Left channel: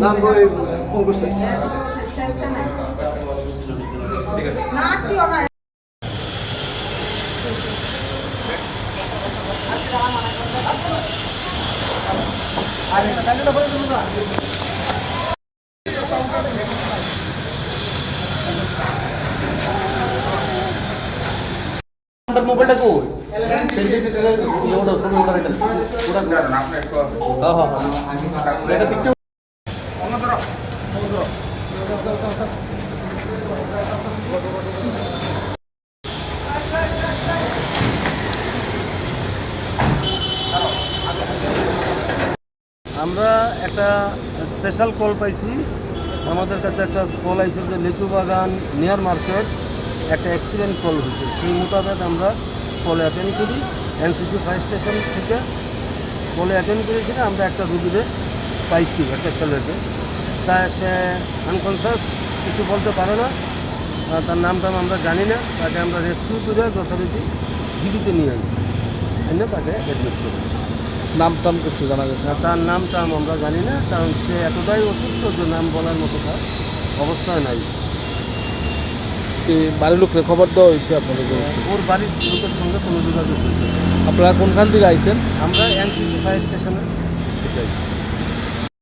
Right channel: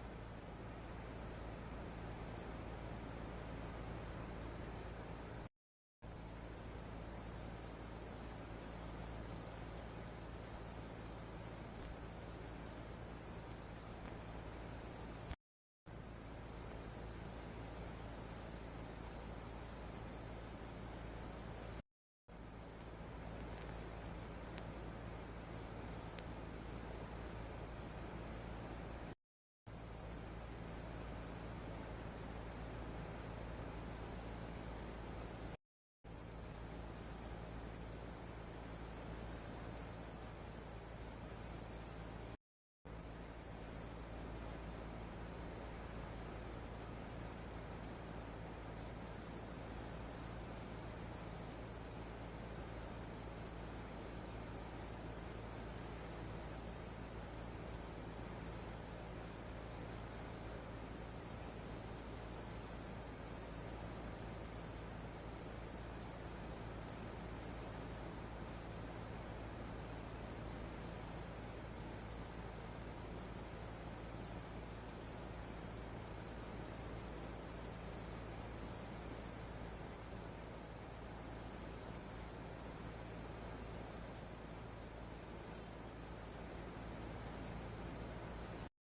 নাম ফোন করছে মোবাইলটা কই? আমরা একটা স্পেশাল কল পাইছি। আমাদের কাছে একটা কল আইছে যে লিচু বাগান নিয়ার মার্কেট একটা অ্যাক্সিডেন্ট কল হয়েছে সেই মোতাবেক আমরা কলে অ্যাটেন্ড করি এনসিসি ফায়ার স্টেশন থেকে কলে অ্যাটেন্ড করেছি না আমরা একটা রুগীদের পাইছি একটা ছেলেকে। তা সে আনকনসিয়াস কিছু বলতে পারে না। তার নাম টাম আমরা জানি না। তাকে আমরা রেস্কিউ করে যথারীতি জীবিতে নিয়ে আসি এনে তাকে অ্যাডমিট করি। নাম টাম কিছু জানা গেছে? না, তার নাম টাম আমরা জানি না কারণ সে এতটাই অসুস্থ যে নাম বলার মতো তার অবস্থায় নাই। এই বাড়ির লোককে খবর দেওয়া হয়েছে আপনাদের ওর বাড়ির লোকের সঙ্গে কোনো যোগাযোগ আপনারা কোনখান থেকে আইসেন আমরা এনসিসি ফায়ার স্টেশনে।